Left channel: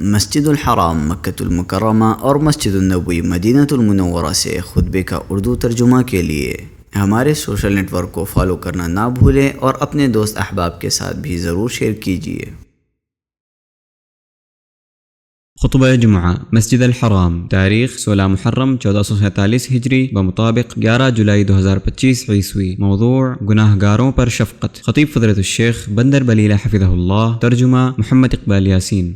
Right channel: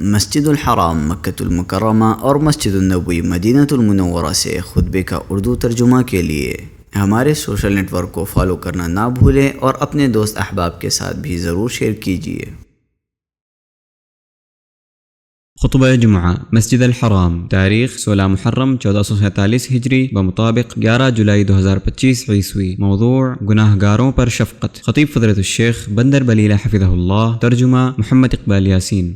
مسجد الحرام مکۃ المکرمہ اور مسجد النبوی مدینہ المنورہ سے خطبے کا اردو ترجمہ کے لیے ہمارے سوشل نیٹ ورک کو فالو کرنا نہ بھولیں اور اپنے دوست احباب کے ساتھ بھی ضرور شیئر کیجیے۔ خطبہ جمعہ مسجد الحرام، تاریخ 16 محرم 1447 ہجری بمطابق 11 جولائی 2025 عیسوی۔ موضوع گناہ گاروں پر شفقت۔ خطیب فضیلت الشیخ بندر بلیلہ حفظہ اللہ۔ ترجمہ محمد اقبال یاسین۔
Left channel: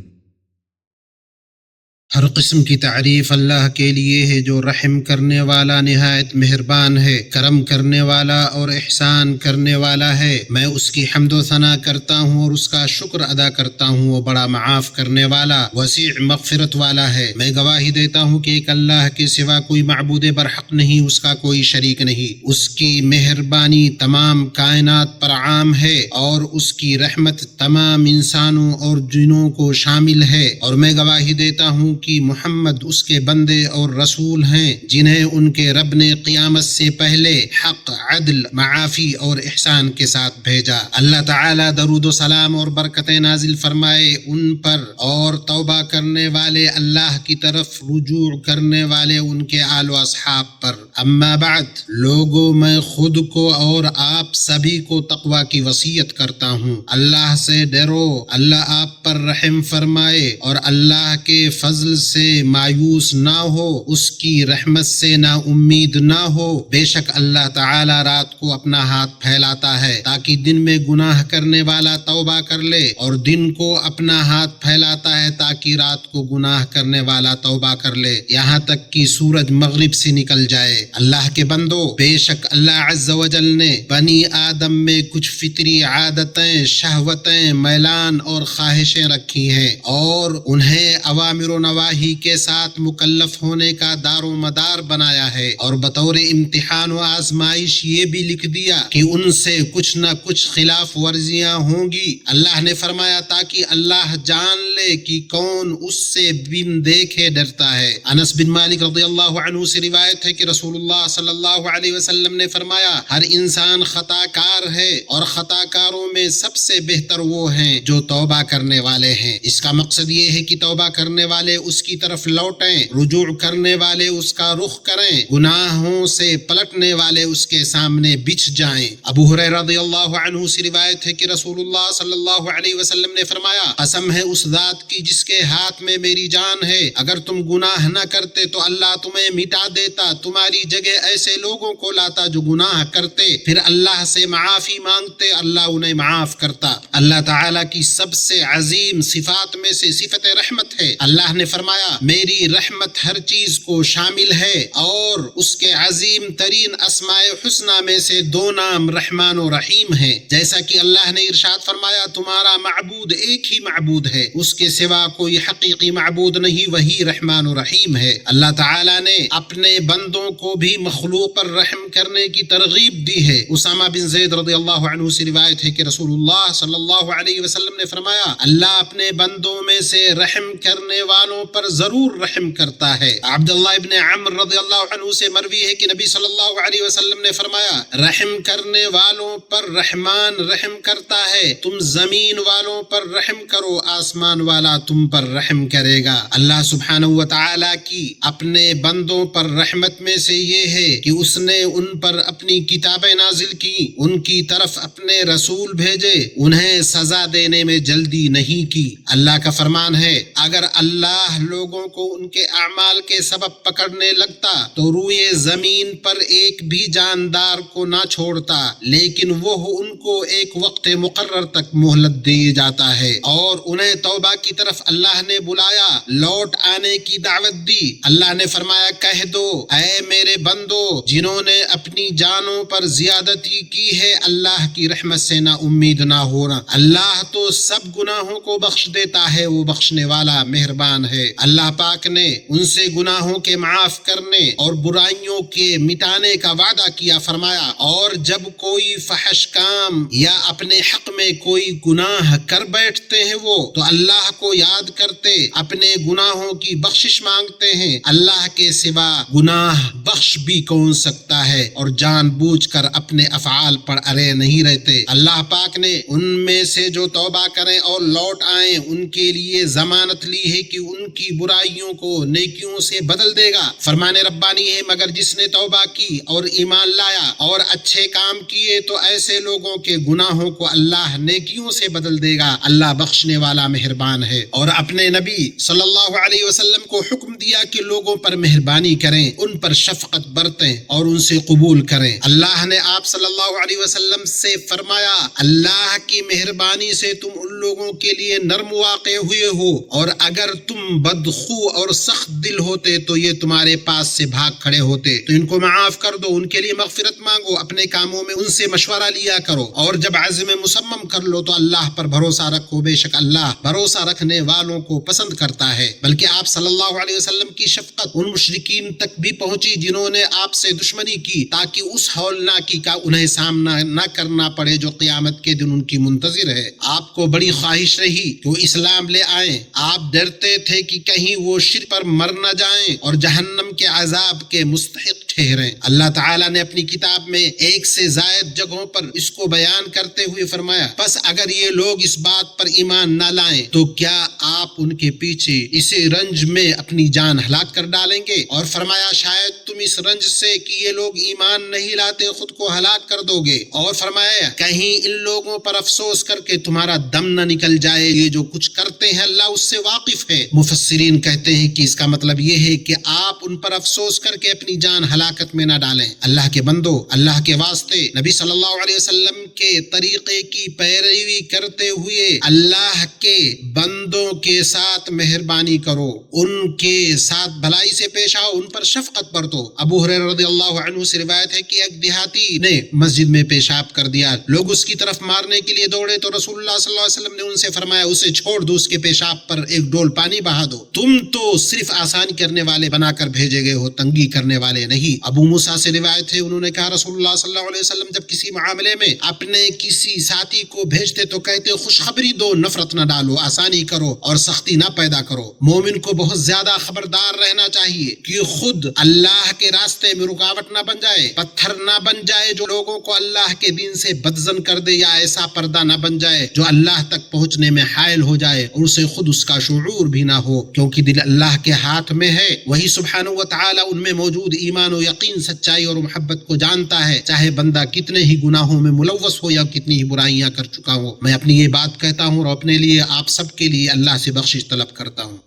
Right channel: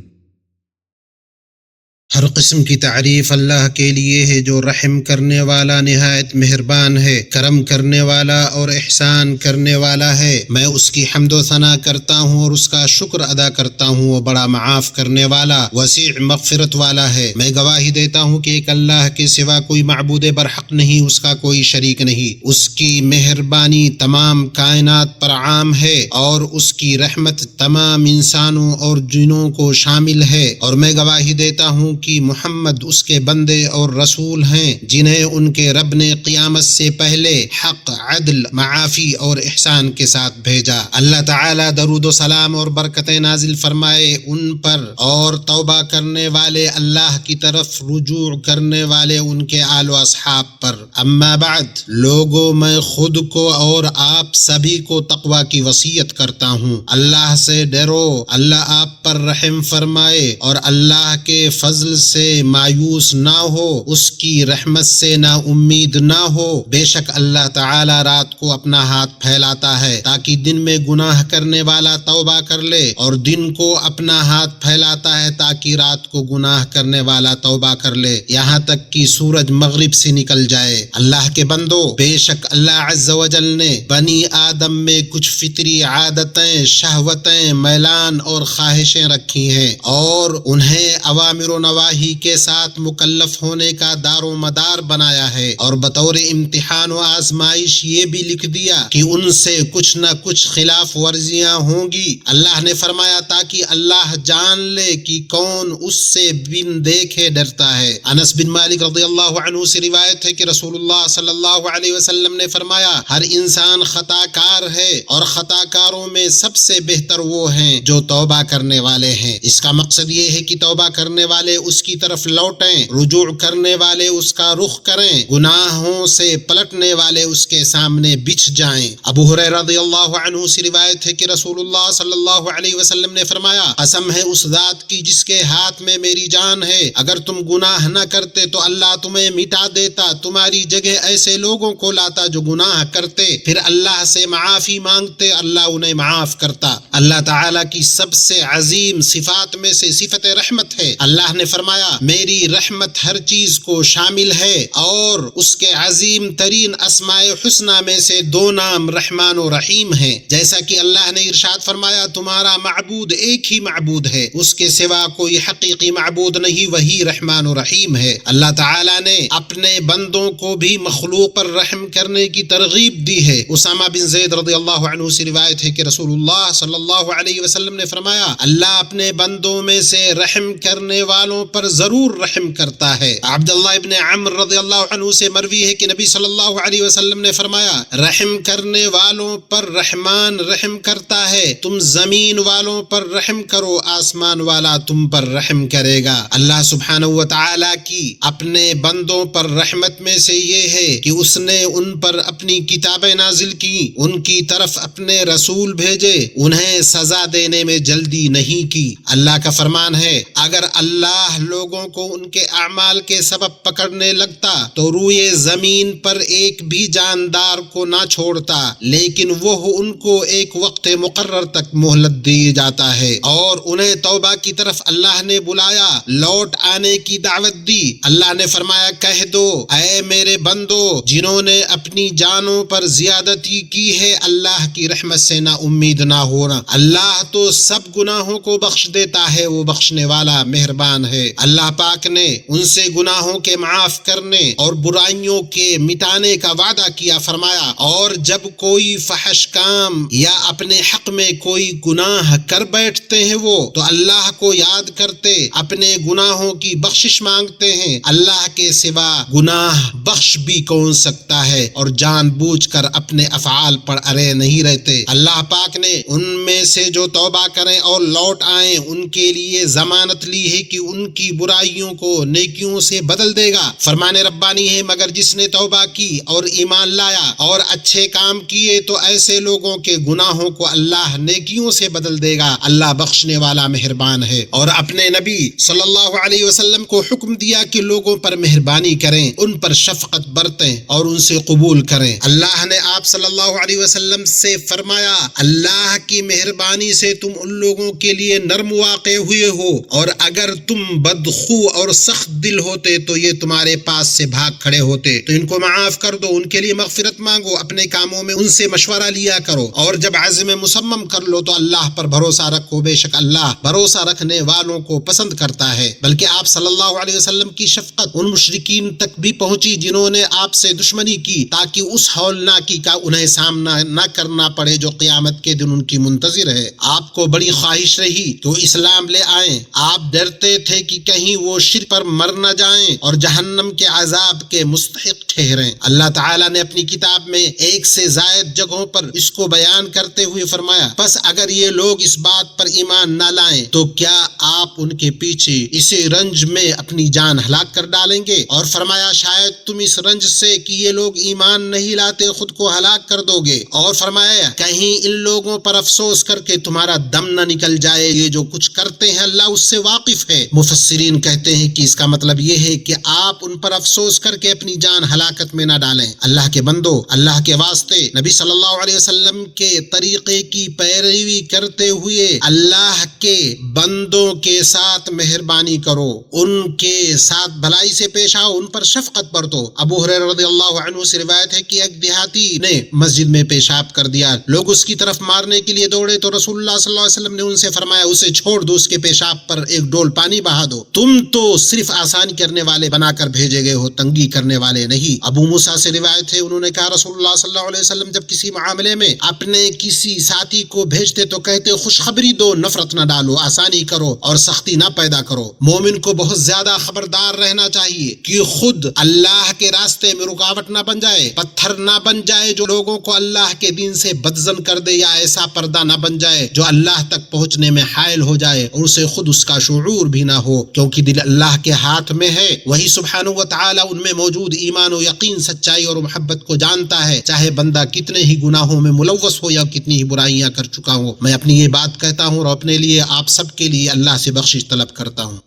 ہر قسم کی تعریف اللہ کے لیے ہے جو رحم کرنے والا نہایت مہربان ہے، کرم کرنے والا اور احسان کرنے والا ہے۔ میں اس کی حمد و ثنا کرتا ہوں اور اس کا شکر ادا کرتا ہوں، وہ بڑا معاف کرنے والا وسیع مغفرت والا ہے۔ میں گواہی دیتا ہوں کہ ایک اللہ کے سوا کوئی معبود برحق نہیں، اس کا کوئی شریک نہیں۔ اس کی مہربانی تمام کائنات پر عام ہے اور اس کی رحمت تمام انسانوں اور جنوں کو شامل ہے، اور میں گواہی دیتا ہوں کہ محمد اس کے بندے اور رسول ہیں جنہیں ان کے رب نے قیامت سے پہلے حق، عدل، معافی اور احسان کے ساتھ بھیجا۔ اللہ تعالیٰ درود و سلام اور برکتیں نازل فرمائے ان پر اور توبہ کرنے والے، اللہ کی طرف رجوع کرنے والے ان کے آل و اصحاب پر۔ اما بعد، لوگوں میں خود کو اور آپ سبھی کو تقوی کی وصیت کرتا ہوں۔ اللہ سے ڈرو، اللہ آپ پر رحم فرمائے اور اللہ کے فضل سے مایوس نہ ہو، اس کی رحمت سے نا امید نہ ہو۔ بے شک اللہ تعالی رات کو اپنا ہاتھ پھیلاتا ہے تاکہ دن میں گناہ کرنے والا توبہ کر لے، اور دن کو اپنا ہاتھ پھیلاتا ہے تاکہ رات کو گناہ کرنے والا توبہ کر لے، یہاں تک کہ سورج مغرب سے نکل جائے۔ اللہ کے بندو، بے شک اللہ عز و جل نے بنی آدم میں کچھ فطری عادتیں، شہوتیں، میلان اور خواہشیں رکھی ہیں، اور انہیں اوامر و نواہی کے ساتھ مکلف ہونے کا دار و مدار بنایا ہے، اور بطور امتحان و آزمائش یہ بھی لکھ دیا کہ ان سے کچھ نہ کچھ خلاف ورزیاں ہوں گی۔ اللہ نے فرمایا تاکہ اللہ جان لے کہ کون اس سے بن دیکھے ڈرتا ہے۔ انس بن مالک رضی اللہ عنہ سے روایت ہے کہ رسول اللہ صلی اللہ علیہ وسلم نے فرمایا، ہر انسان خطا کار ہے، اور خطا کاروں میں سب سے بہتر وہ ہیں جو توبہ کرنے والے ہیں۔ اس کا مقصد یہ ہے کہ توبہ کرنے والے اس کی طرف لوٹیں، رجوع کرنے والے اس کا رخ کریں، گناہوں سے پلٹنے والے اس کے سامنے بچھ جائیں۔ ابو ہریرہ رضی اللہ عنہ سے روایت ہے کہ رسول اللہ صلی اللہ علیہ وسلم نے فرمایا، قسم ہے اس ذات کی جس کے ہاتھ میں میری جان ہے، اگر تم گناہ نہ کرتے تو اللہ تمہیں مٹا دیتا، تمہاری جگہ ایسے لوگوں کو لاتا جو گناہ کرتے، پھر اللہ سے معافی مانگتے، اللہ انہیں معاف کرتا۔ اللہ تعالیٰ کی سب سے عظیم صفات میں سے صفت رحمت ہے۔ اللہ نے فرمایا، میری رحمت ہر چیز کو شامل ہے، اور اس کے عظیم ترین اسماء حسنہ میں سے دو نام رحمان و رحیم ہیں۔ جیسا کہ اللہ نے ارشاد فرمایا، تمہارا معبود ایک ہی معبود ہے، اس کے سوا کوئی حقیقی معبود نہیں، وہی رحمان و رحیم ہے۔ اللہ تعالیٰ نے اپنے بندوں کو بھی مخلوق پر رحم کرنے کی ترغیب دی ہے۔ اسامہ بن زید رضی اللہ عنہ سے روایت ہے کہ رسول اللہ صلی اللہ علیہ وسلم نے فرمایا، اللہ اپنے بندوں میں سے رحم کرنے والوں پر ضرور رحم کرتا ہے۔ عبداللہ ابن عمر رضی اللہ عنہ سے مروی ہے کہ نبی صلی اللہ علیہ وسلم نے فرمایا، رحم کرنے والوں پر رحمان رحم کرتا ہے، تم زمین والوں پر رحم کرو، آسمان والا تم پر رحم کرے گا۔ اللہ سبحانہ و تعالی کی اپنے بندوں پر رحمت میں سے یہ ہے کہ اس نے ان پر اپنی کتابیں نازل کی، ان کی طرف اپنے رسول بھیجے، انہیں سزا دینے میں جلدی نہیں کی۔ اللہ کا فرمان ہے، اگر اللہ لوگوں کو ان کے اعمال کے سبب پکڑنے لگتا تو روئے زمین پر ایک بھی جاندار کو نہ چھوڑتا، لیکن وہ ان کو ایک وقت مقرر تک مہلت دی جاتا ہے، اور انہیں توبہ کی طرف اللہ نے بلایا، لوٹ آنے کی دعوت دی۔ اللہ نے فرمایا، کہہ دو اے میرے بندو جنہوں نے اپنی جانوں پر زیادتی کی ہے، اللہ کی رحمت سے نا امید نہ ہونا، اللہ تو سب گناہوں کو بخش دیتا ہے، وہ بخشنے والا مہربان ہے۔ ہے۔ اللہ پاک نے ان سے گناہوں کے معاف کرنے اور برائیوں کے مٹانے کا وعدہ کیا، فرمایا اور جب کوئی فحش کام یا اپنے حق میں کوئی گناہ کر بیٹھتے ہیں وہ تو اللہ کو یاد کرتے اپنے گناہوں کی بخشش مانگتے ہیں، اللہ کے سوا گناہ بخش بھی کون سکتا ہے، اور جان بوجھ کر اپنے افعال پر اڑے نہیں رہتے۔ اللہ پاک نے ان میں سے جو توبہ کریں اور لوٹ آئیں ان کے لیے ضمانت لی ہے کہ ان کی برائیوں کو نیکیوں سے بدل دے گا۔ فرمان ربانی ہے مگر جس نے توبہ کی اور ایمان لایا اور اچھے کام کیے تو ایسے لوگوں کے گناہوں کو اللہ نیکیوں سے بدل دے گا، اللہ بخشنے والا مہربان ہے۔ اور اپنے نبی صلی اللہ علیہ وسلم کو حکم دیا کہ لوگوں پر مہربانی کریں، ان پر شفقت برتیں اور ان سے قبول کریں۔ اللہ نے آپ صلی اللہ علیہ وسلم سے فرمایا، اللہ کی مہربانی سے تم ان لوگوں کے لیے نرم واقع ہوئے ہو، اور اگر تم بدخو اور سخت دل ہوتے تو یہ تمہارے پاس سے بھاگ کھڑے ہوتے، تو ان کو معاف کر دو، ان کے لیے مغفرت مانگو، اپنے کاموں میں ان سے مشورہ لیا کرو، اور جب عزم مصمم کر لو تو اللہ پر بھروسہ رکھو، بے شک اللہ بھروسہ رکھنے والوں کو پسند کرتا ہے۔ بلکہ آپ صلی اللہ علیہ وسلم کی شفقت ان مشرکین تک بھی پہنچی جنہوں نے آپ سے دشمنی کی، تاکہ اس ہولناکی کا انہیں سامنا نہ کرنا پڑے جو قیامت کے دن ان کی منتظر ہے۔ آپ کو بڑی خواہش رہی کہ وہ اسلام لے آئیں، آپ ڈرتے تھے کہ کہیں وہ شرک پر مر نہ جائیں اور جہنم کے عذاب کے مستحق ٹھہریں۔ اللہ تعالیٰ نے اپنی کتاب میں ایک سے زائد جگہوں پر اس کو بیان کرتے ہوئے فرمایا، پس اگر یہ لوگ اس بات پر ایمان نہ لائیں تو کیا آپ ان کے پیچھے اسی رنج میں اپنی جان ہلاک کر ڈالیں گے؟ اور فرمایا شاید تم اس رنج سے کہ یہ لوگ ایمان نہیں لاتے خود کو ہلاک کر دو گے، اور فرمایا کہیں ان لوگوں پر افسوس کر کے تمہارا دم نہ نکل جائے، یہ جو کچھ کرتے ہیں اللہ اس سے واقف ہے۔ مفسرین کہتے ہیں کہ اس کا مطلب یہ ہے کہ آپ ان پر افسوس کر کے اپنی جان ہلاکت میں نہ ڈالیں۔ اللہ کے بندو، اللہ کے واسطے نبی صلی اللہ علیہ وسلم کے طریقے کی پیروی کرتے ہوئے اللہ کے بندوں کے ساتھ مہربانی کرو، ان کے ساتھ بھلائی سے پیش آؤ، ان پر شفقت برتو۔ ابو ہریرہ رضی اللہ عنہ سے روایت ہے کہ ایک دیہاتی نے مسجد میں پیشاب کر دیا، لوگ اس کی طرف مارنے کے لیے دوڑے تو رسول اللہ صلی اللہ علیہ وسلم نے ان سے فرمایا اسے چھوڑ دو، اس کے پیشاب پر ایک ڈول پانی بہا دو، تم تو صرف آسان کرنے والے بنا کر بھیجے گئے ہو، تنگی کرنے والے نہیں۔ ابو موسیٰ سے روایت ہے انہوں نے کہا رسول اللہ صلی اللہ علیہ وسلم جب کسی معاملے میں اپنے کسی ساتھی کو بھیجتے تو کہتے خوشخبری دو، نفرت نہ ڈالو، آسانی کرو اور سختی نہ پیدا کرو۔ مومن کو بہت زیادہ خبردار رہنا چاہیے کہ خود اللہ کے راستے میں رکاوٹ نہ بن جائے، پتھر نہ بن جائے جو لوگوں کو اللہ کے دین سے بدزن کر دے، یا ایسا پردہ نہ بن جائے جو اللہ تک پہنچنے میں حائل ہو جائے اور اسے خود اس کا شعور بھی نہ ہو، کیونکہ دل اللہ کے ہاتھ میں ہے، وہی سبحانہ و تعالی ان میں موجود ایمان و یقین، سچائی اور محبت کو جانتا ہے، چاہے بندہ کتنے ہی گناہوں میں ملوث ہو یا کتنی ہی برائیاں کر چکا ہو۔ میں اپنی یہ بات کہتا ہوں اور اپنے لیے آپ سب کے لیے اللہ سے بخشش طلب کرتا ہوں۔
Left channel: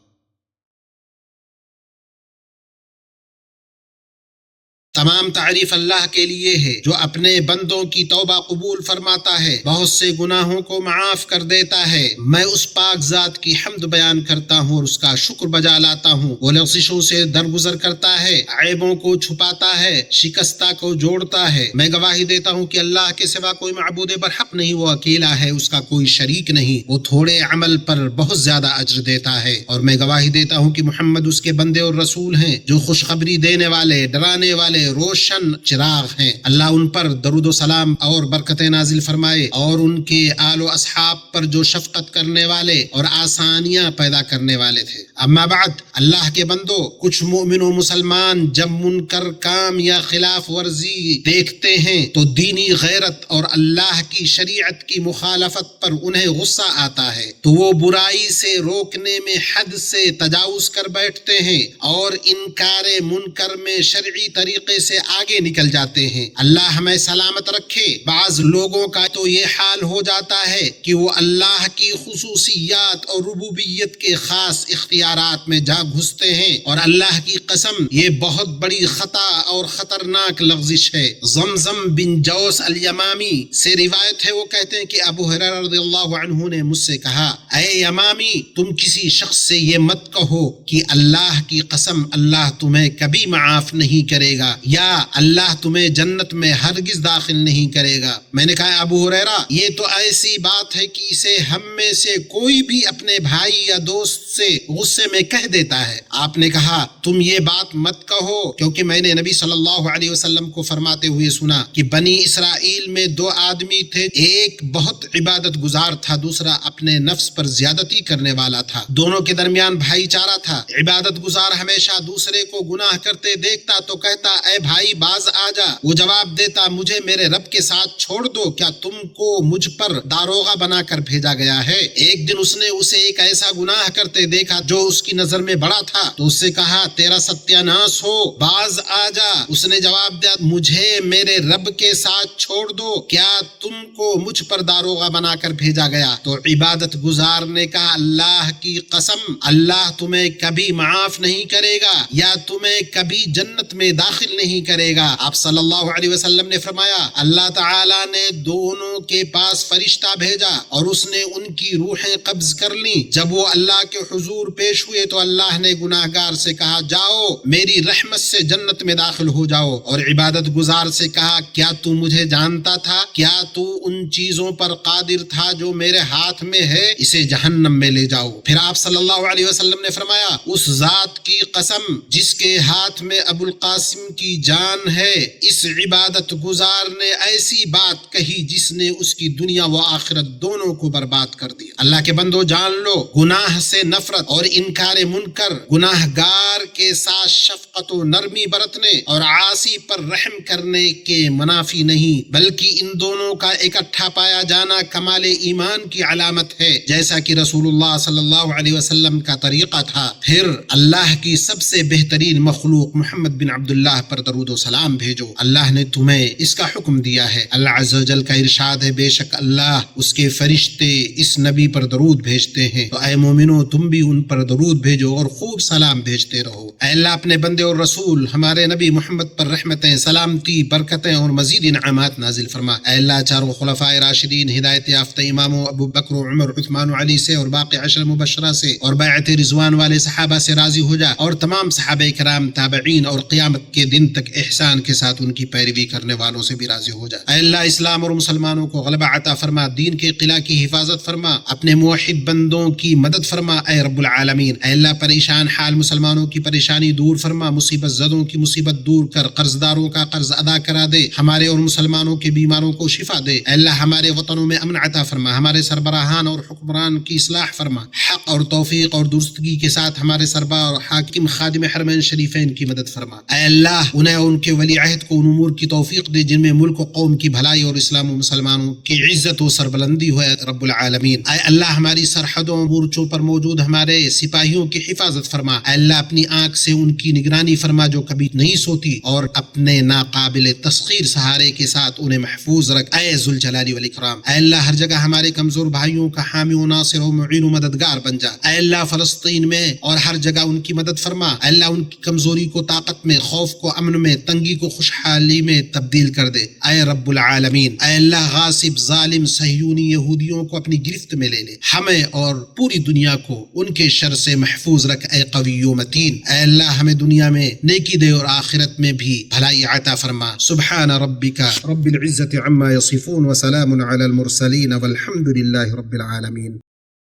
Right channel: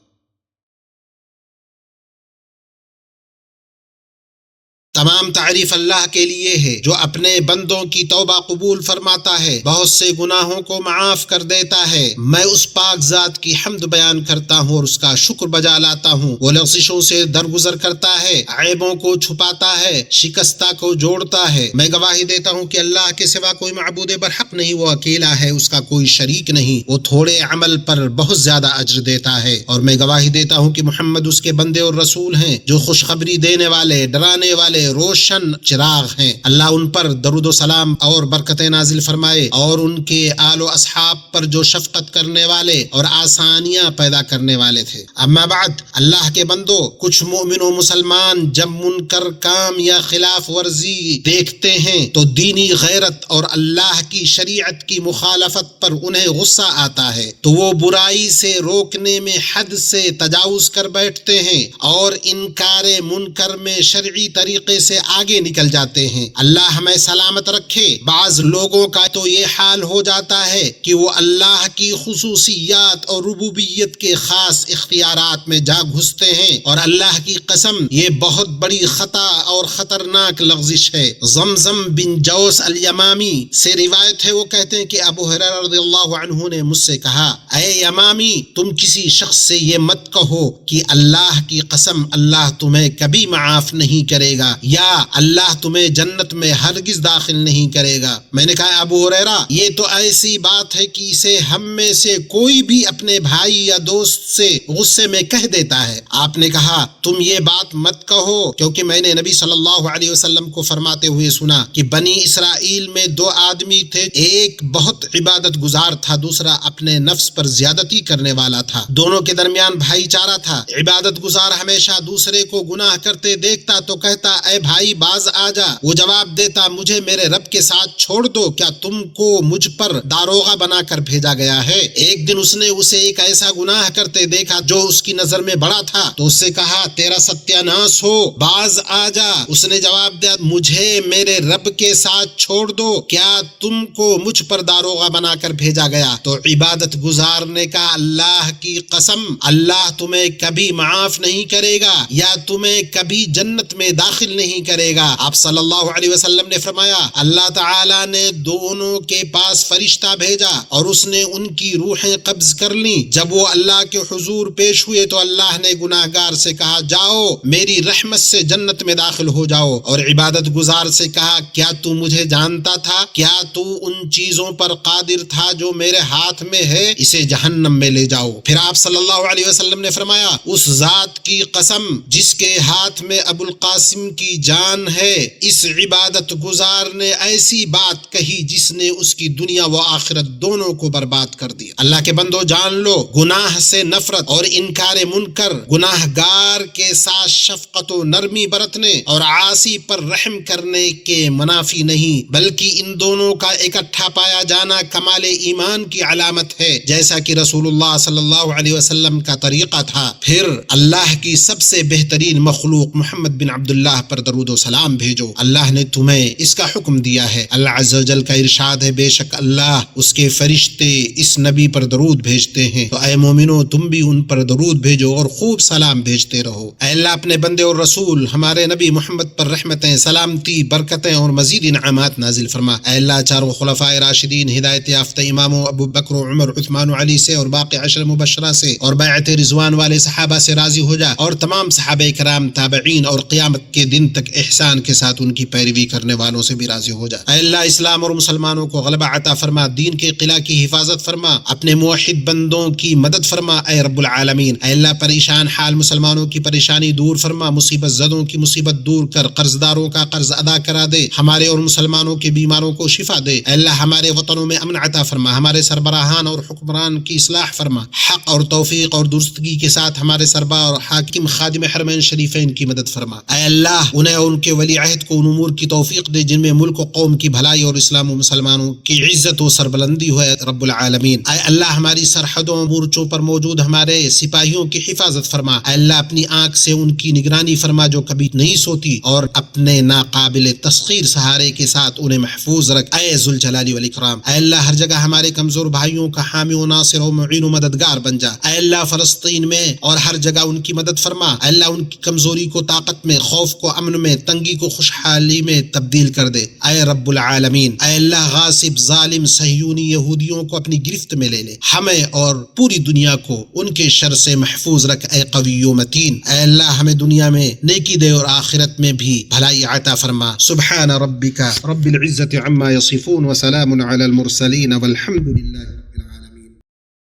تمام تعریف اللہ کے لیے ہے جو اپنے بندوں کی توبہ قبول فرماتا ہے، بہت سے گناہوں کو معاف کر دیتا ہے۔ میں اس پاک ذات کی حمد بیان کرتا ہوں اور اس کا شکر بجا لاتا ہوں۔ وہ لغزشوں سے درگزر کرتا ہے، عیبوں کو چھپاتا ہے، شکستہ کو جوڑتا ہے۔ میں گواہی دیتا ہوں کہ اللہ کے سوا کوئی معبود برحق نہیں، وہ اکیلا ہے، اس کا کوئی شریک نہیں، وہ تھوڑے عمل پر بہت زیادہ اجر دیتا ہے۔ اور میں گواہی دیتا ہوں کہ محمد اس کے بندے اور رسول ہیں جو خوشخبری دینے والے، ڈرانے والے، روشن چراغ ہیں۔ اللہ ان پر درود و سلام اور برکتیں نازل فرمائے، اور ان کے آل و اصحاب پر جو شفقت کرنے والے اور آسانیاں پیدا کرنے والے تھے۔ اما بعد، اللہ کے بندو، کچھ مومن و مسلمان جب منکر کام یا خلاف ورزی دیکھتے ہیں تو دینی غیرت اور اللہ کی شریعت کی مخالفت پر انہیں غصہ آتا ہے، تو وہ برائی سے روکنے میں حد سے تجاوز کر بیٹھتے ہیں اور انکار منکر میں شرعی طریقے سے آگے نکل جاتے ہیں۔ اللہ ہمیں سلامت رکھے۔ بعض لوگوں کا تو یہ حال ہو جاتا ہے کہ وہ اللہ کی خصوصیات اور ربوبیت کے خاص اختیارات میں جا گھستے ہیں، اور اللہ کی قسم یہ بہت بڑی خطا اور خطرناک لغزش ہے۔ زمزم بن جوس الیمامی سے روایت ہے، وہ کہتے ہیں کہ ابو ہریرہ رضی اللہ عنہ نے مجھ سے کہا، اے یمامی، تم کسی شخص سے یہ مت کہو کہ اللہ کی قسم اللہ تمہیں کبھی معاف نہیں کرے گا، یا اللہ تمہیں جنت میں ہرگز داخل نہیں کرے گا۔ میں نے کہا ابو ہریرہ یہ تو ایسی بات ہے کہ اسے ہم میں سے کوئی بھی اپنے بھائی یا دوست سے غصے میں کہہ دیتا ہے۔ آپ نے کہا تم یہ بات مت کہو، کیونکہ میں نے نبی صلی اللہ علیہ وسلم کو فرماتے ہوئے سنا کہ بنی اسرائیل میں دو آدمی تھے، ایک بہت عبادت گزار تھا، دوسرا اپنے نفس پر زیادتی کرنے والا تھا۔ دونوں کے درمیان بھائی چارہ تھا۔ عبادت گزار ہمیشہ دوسرے کو گناہ کرتے دیکھتا تو کہتا اے بھائی باز آ جا، وہ جواب دیتا مجھے میرے رب کے ساتھ چھوڑ دو، کیا تم کو مجھ پر داروغہ بنا کر بھیجا گیا ہے؟ ایک دن اس نے اسے ایک ایسا گناہ کرتے دیکھا جو اس کی نظر میں بڑا تھا، تو اس سے کہا تیرا ستیاناس ہو، باز آ جا۔ اس نے جواب دیا مجھے میرے رب کے ساتھ چھوڑ دو، کیا تم کو مجھ پر داروغہ بنا کر بھیجا گیا؟ تو عبادت گزار نے کہا اللہ کی قسم اللہ تمہیں کبھی معاف نہیں کرے گا یا تمہیں کبھی جنت میں داخل نہیں کرے گا۔ آپ صلی اللہ علیہ وسلم نے فرمایا اللہ تعالی نے دونوں کے پاس فرشتہ بھیجا اور اس نے ان کی روحیں قبض کر لیں۔ جب وہ اللہ کے حضور پیش ہوئے تو اللہ نے گناہگار سے کہا جاؤ میری رحمت سے جنت میں داخل ہو جاؤ، اور عبادت گزار سے کہا کیا تو مجھے جانتا تھا؟ کیا تو ان چیزوں پر قادر تھا جو میرے ہاتھ میں ہے؟ اسے جہنم میں لے جاؤ۔ پھر آپ صلی اللہ علیہ وسلم نے فرمایا اس ذات کی قسم جس کے ہاتھ میں ابو القاسم کی جان ہے، اس عبادت گزار نے ایسی بات کہی جس نے اس کی دنیا و آخرت دونوں کو برباد کر دیا۔ اللہ کے بندو جان لو گناہ سے نفرت اور انکار منکر، گناہ گار کے ساتھ شفقت و نرمی برتنے اور عاصی پر رحم کرنے کے منافی نہیں، بلکہ ان دونوں کا اکٹھا پایا جانا کمال ایمان کی علامت ہے، جیسا کہ رسول اللہ صلی اللہ علیہ وسلم کا طریقہ تھا۔ پھر اللہ کی سب سے بہترین مخلوق محمد بن عبداللہ پر درود و سلام بھیجو۔ اللہ نے تمہیں اس کا حکم دیا ہے۔ اللہ عز و جل کا ارشاد ہے بے شک اللہ اس کے فرشتے اس نبی پر درود بھیجتے ہیں، تو اے مومنو تم بھی ان پر درود بھیجو اور خوب سلام بھیجتے رہو۔ اے اللہ اپنے بندے اور رسول ہمارے نبی محمد پر رحمتیں، سلامتی، برکتیں اور مزید انعامات نازل فرما۔ اے اللہ چاروں خلفائے راشدین، ہدایت یافتہ اماموں ابو بکر و عمر، عثمان و علی سے اور باقی عشر مبشرہ سے اور بیعت رضوان والے صحابہ سے راضی ہو جا، اور تمام صحابہ کرام، تابعین اور قیامت کے دن تک احسان کے ساتھ ان کی پیروی کرنے والوں سے بھی راضی ہو جا۔ اے اللہ اسلام اور مسلمانوں کو غلبہ عطا فرما، دین کے قلعہ کی حفاظت فرما، اپنے موحد بندوں کی مدد فرما اے رب العالمین۔ اے اللہ پریشان حال مسلمانوں کی پریشانی دور فرما، مصیبت زدوں کی مصیبت دور کر، قرض داروں کا قرض ادا کرا دے، ہمارے اور مسلمانوں کے بیماروں کو شفا دے۔ اے اللہ ہمارے وطنوں میں امن عطا فرما، ہمارے سربراہان اور حکمران کی اصلاح فرما، حق اور توفیق اور درستگی کے ساتھ ہمارے سربراہ اور حاکم خادم حرمین شریفین کی مدد فرما۔ اے اللہ انہیں اور ان کے ولی عہد کو ان امور کی توفیق دے جن میں ملک و قوم کی بھلائی اور اسلام و مسلمانوں کی عزت و سربلندی ہو اے رب العالمین۔ اے اللہ ہماری سرحدوں مورچوں پر موجود ہمارے سپاہیوں کی حفاظت فرما۔ اے اللہ اپنی آنکھ سے ان کی نگرانی فرما جو کبھی نہیں سوتی، اور اپنے ناقابل تسخیر سہارے کے ساتھ انہیں محفوظ رکھ اے ذوالجلال والاکرام۔ اے اللہ ہر جگہ ہمارے کمزور بھائیوں کا حامی و ناصر و معین و مددگار بن جا۔ اے اللہ فلسطین میں اور ہر جگہ ان کی مدد فرما۔ اے اللہ ان کی کمزوری کو طاقت میں، خوف کو امن میں، تنگی کو خوشحالی میں تبدیل کر دے اے رب العالمین۔ اے اللہ غاصب ظالم صہیونی یہودیوں کو اپنی گرفت میں لے لے، ہمیں اور پوری دنیا کو ان کے شر سے محفوظ رکھ اے قوی و متین۔ اے اللہ ہمیں دنیا میں نیکی دے اور آخرت میں بھی بھلائی عطا فرما۔ سبحان ربک رب العزت عما یصفون وسلام علی المرسلین والحمد للہ رب العالمین۔